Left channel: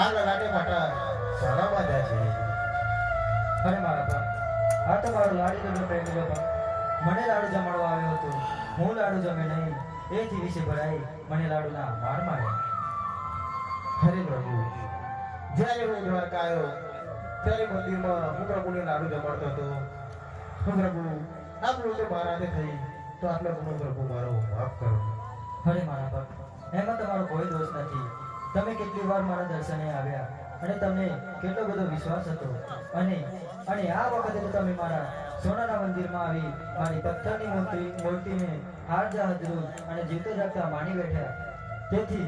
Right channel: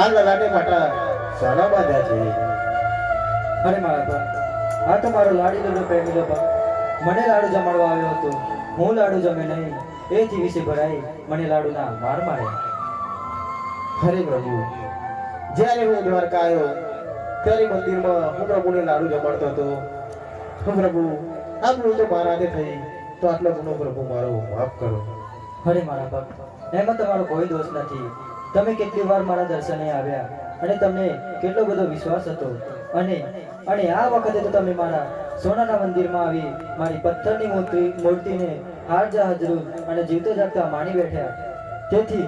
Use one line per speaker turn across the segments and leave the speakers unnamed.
આ લલાટે પાટા સાના બાંધ્યા છે.
અરે મારા બા આ તો મારો લાડીલો પ્રેમીલો બા મને લાડુ જમાડવા આવ્યો હતો. હું લાડુ જમે નહીં. એથી વિશે ભરાઈ મને લાડુના માર મારે
હરે પ્રભુ જ્યારે હું દ્વારકા આવ્યો ત્યારે મંદિરમાં હું પ્રભુને લાડુ જમાડતો હતો. હું પ્રભુ આ ભૂલ તો મારા હાથે થઈ તો આટલો ગુનો પ્રભુ મારો માફ કરો.
હરે મારા ભક્ત એમાં તમારો કોઈ દોષ નથી. તમે કેટલી વાર મારા દર્શને આવ્યા અને તમને કેટલો બધો વિશ્વાસ હતો? અને અને આ વખતે તો તમે મારા સોનાના મંદિરમાં આવી મારી પથ્થરની મૂર્તિ, મૂર્તિને હાર હાજરું અને જીવતે જાગતા માણી બેઠ્યા તેથી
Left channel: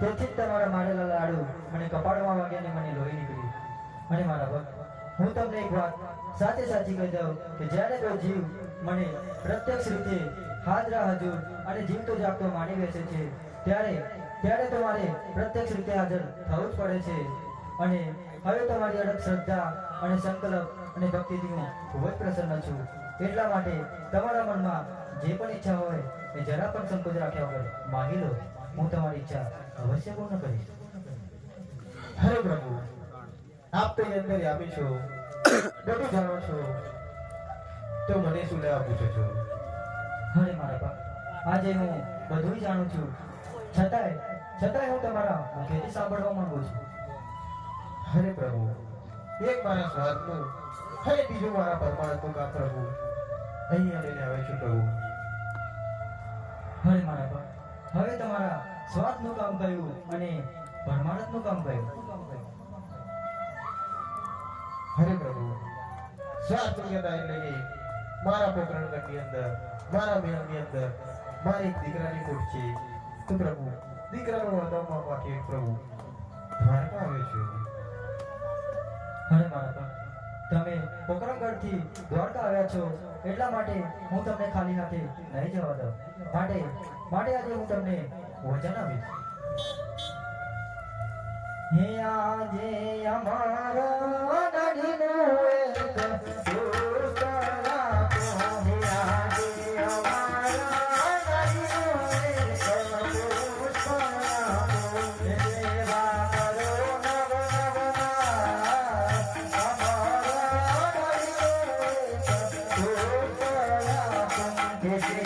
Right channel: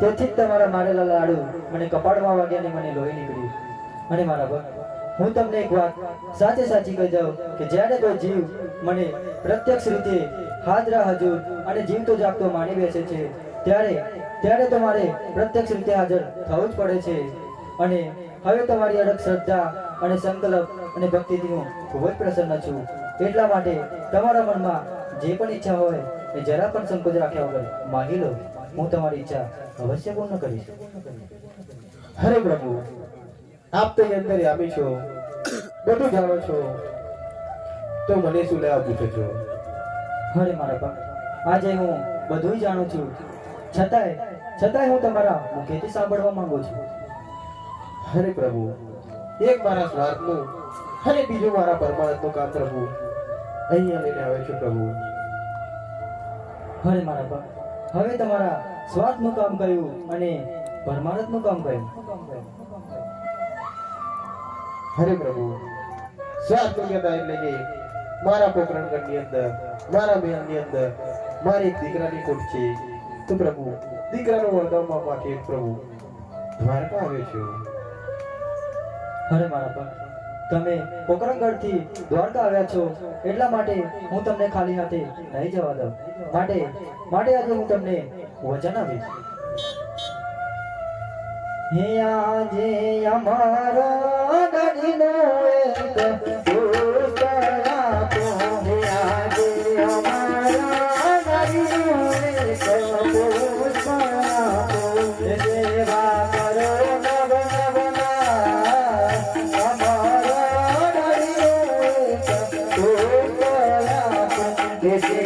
તેથી જ તમારા મારેલા લાડુ મને કપાળમાં વાગ્યા અને મને લોહી નીકળ્યું અને મારા ભક્ત, હું તમને એક વાત સાચે સાચી કહી દઉં કે જ્યારે કોઈ જીવ મને પ્રત્યક્ષ રીતે હાજરા હજુર અને જીવતો જાગતો માની બેસે છે ત્યારે ત્યારે તમારે પ્રત્યક્ષ રીતે હાજર થવું જ પડે છે. અને હવે તમારી અડગ શ્રદ્ધા અને સંકલ્પ અને ભક્તિથી હું ખૂબ જ પ્રસન્ન છું. એટલા માટે તમારા મનમાં જે પણ ઈચ્છા હોય એ જરા પણ સંકોચ રાખ્યા વગર માગી લો. હું તમારી ઈચ્છા અવશ્ય પૂર્ણ કરીશ.
હરે પ્રભુ આપ તો અંદર આપી છો. બધું જાણો છો. તો મને શું લેવા પૂછો છો?
હરે મારા પણ આજે હું બધું જાણું છું. છતાંય છતાંય હું તમારા મુખેથી સાંભળવા માંગુ છું.
હરે પ્રભુ, એક મારા સ્વાર્થનું, અને બીજું મારા પરમાનંદનું કામ પ્રભુ, અહીંયા લઈને આવે છે પ્રભુ.
હરે મારા બાપ હવે તમારા સ્વાર્થનું કામ કયું અને પરમાનંદનું કામ કયું?
હરે પ્રભુ, સ્વાર્થ યોગ્યતા એટલે કે મારા પોકરણગઢની અંદર, મારા મહેલની અંદર, મારી દીકરાની ખોટ છે. પ્રભુ. દીકરાનું વરદાનમાં માટે પ્રભુ? દ્વારકા આવ્યો છું.
અરે મારા બાપ તમે પોકરણગઢથી દ્વારકા આવ્યા છો એટલા માટે હું તમને ખાલી હાથે નહીં જવા દઉં. માટે માટે આજે હું તમને વચન આપીશ. હે આજે અમારા નદીનો એક તો હે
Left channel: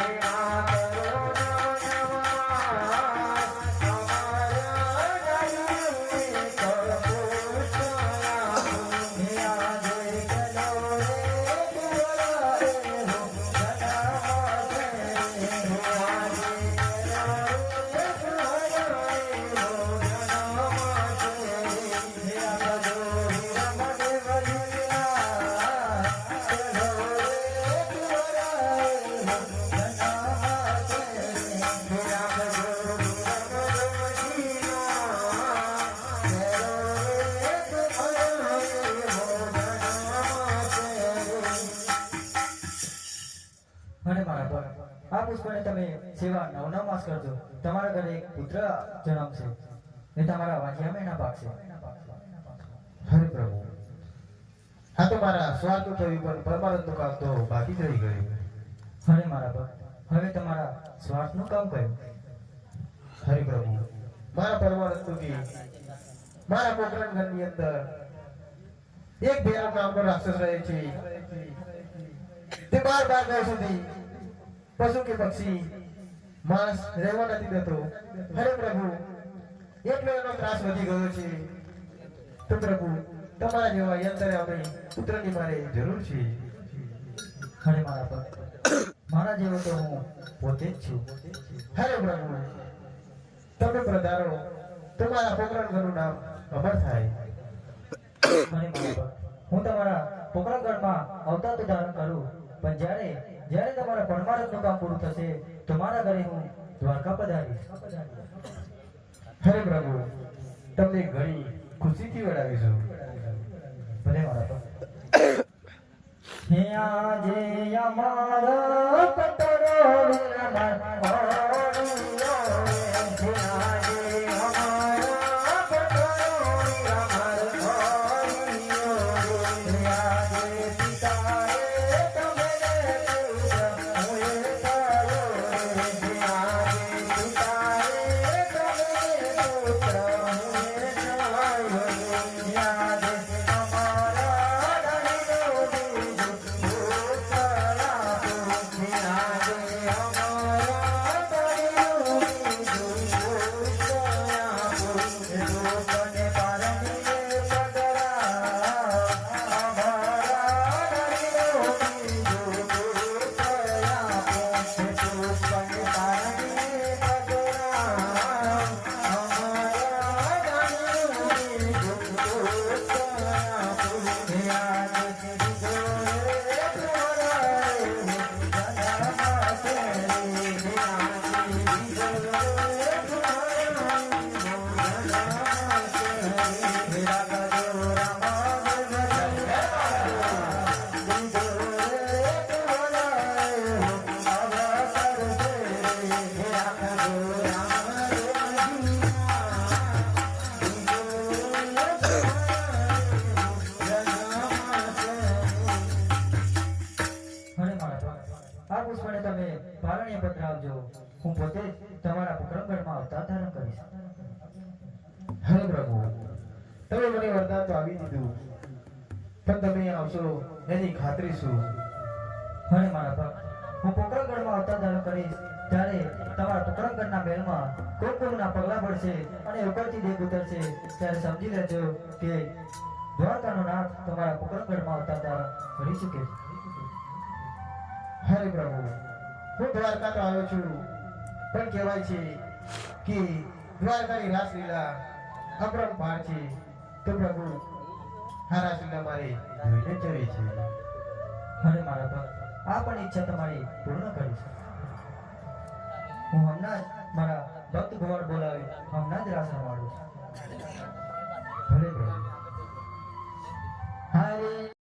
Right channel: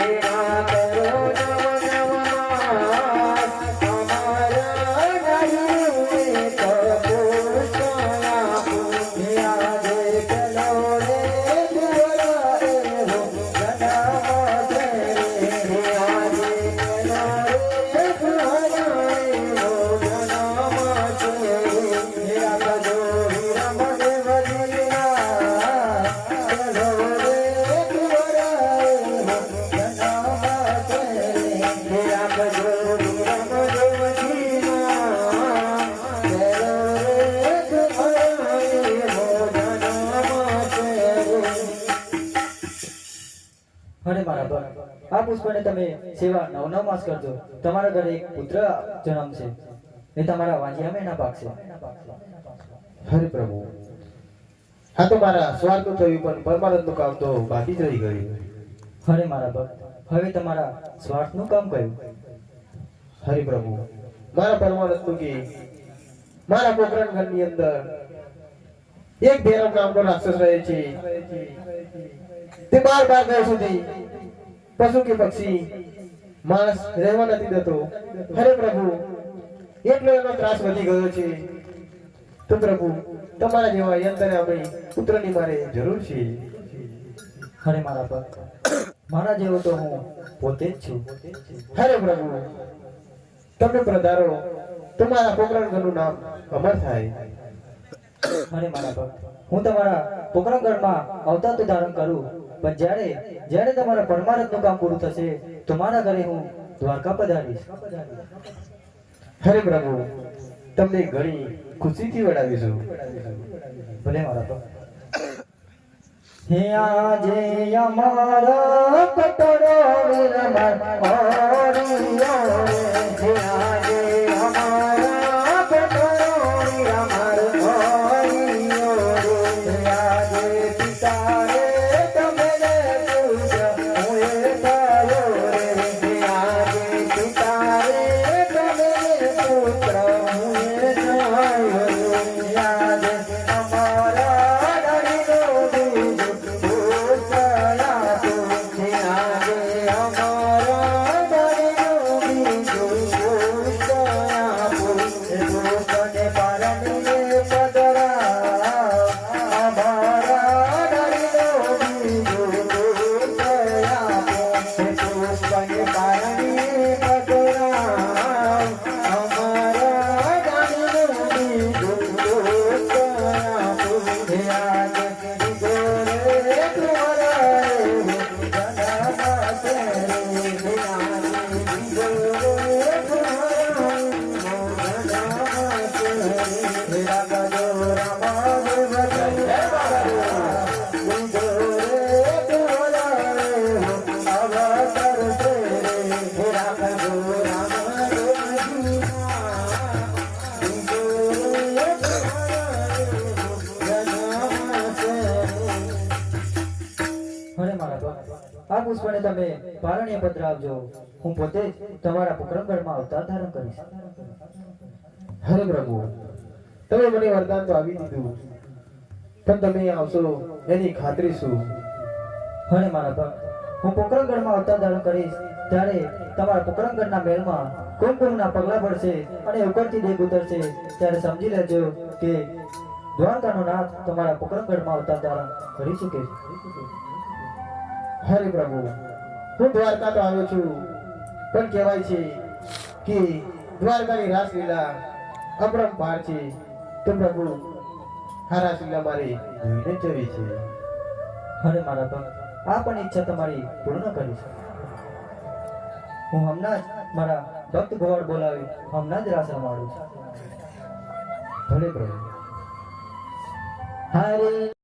ભક્ત તમે સેવા નવ નવ માસ કરજો. તમારા ઘરે એક પુત્ર જન્મશે એ તમારા વાંજિયા મહિના પાકશે
હરે પ્રભુ. હા તો મારા સ્વાર્થ થયું પણ પરમાનંદનું કામ તો બાકી જ રહી ગયું.
હરે મારા ભક્ત હવે તમારા સ્વાર્થનું કામ કયું?
હરે પ્રભુ. મારા પરમાનંદનું કે મારા પોકરણ ઘરની અંદર એક ભેરવ નામનો રાક્ષસ રહે છે. તે બાર બાર સુધી પશુ કે પક્ષી માણસ રહેવા નથી દેતો. હરે પ્રભુ એટલો એનો ત્રાસ વધી ગયો છે. તો પ્રભુ, તમારા જેવા યંત્રને આપણે પુત્રની મારે જરૂર છે.
હરે મારા પર મારા જેવો તો હું પોતે જ છું.
હરે પ્રભુ, તમે પ્રધારો તમારા પોકરણગઢનું નામ અમર થાય.
હરે મારા પર હું તમારા પોકરણગઢમાં અવતાર તો ધારણ કરું. પણ જ્યારે જ્યારે તમારા પરમારથનું કામ પૂરું થશે તમારા ઘરે હું દ્વારકા પધારીશ
હરે પ્રભુ, તમને ઘણી ખુશીથી વડાવીશું.
ભલે મારા હે આજે અમારા પટરો વિરમણ பரவே પારણીય પત્ર આપજો. હું પોતે તમારા પોકરણગઢમાં અવતાર ધારણ કરીશ.
હરે પ્રભુ તમે મને વરદાન તો આવી દીધું પણ તમે આવશો એની ખાતરી શું?
હરે મારા ભક્ત હું પોકરણગઢમાં અવતાર ધારણ કરીશ ત્યારે તમારા પોકરણગઢના મહેલમાં કુમકુમના પગલા પડશે અને ઉકળતી દેખ ઉતરશે ત્યારે સમજી લેજો કે દ્વારકાનો નાથ તમારા પોકરણગઢમાં અવતાર ધારણ કરી શકે છે.
હરે પ્રભુ હું દ્વારકા તો આવ્યો છું. પણ કહેવાય છે કે દ્વારકાની રાસલીલા અપરંપાર છે. તો પ્રભુ, આ રાસલીલા મારે જોઈને જવી છે.
અરે મારા ભક્ત આ પણ ઈચ્છા તમારી પૂર્ણ કરી છે. હું હમણાં જ મારા ભક્ત ગોવાળ બોલાવી હમણાં જ રાસ રમાડું છું.
ભલે પ્રભુ.
હરે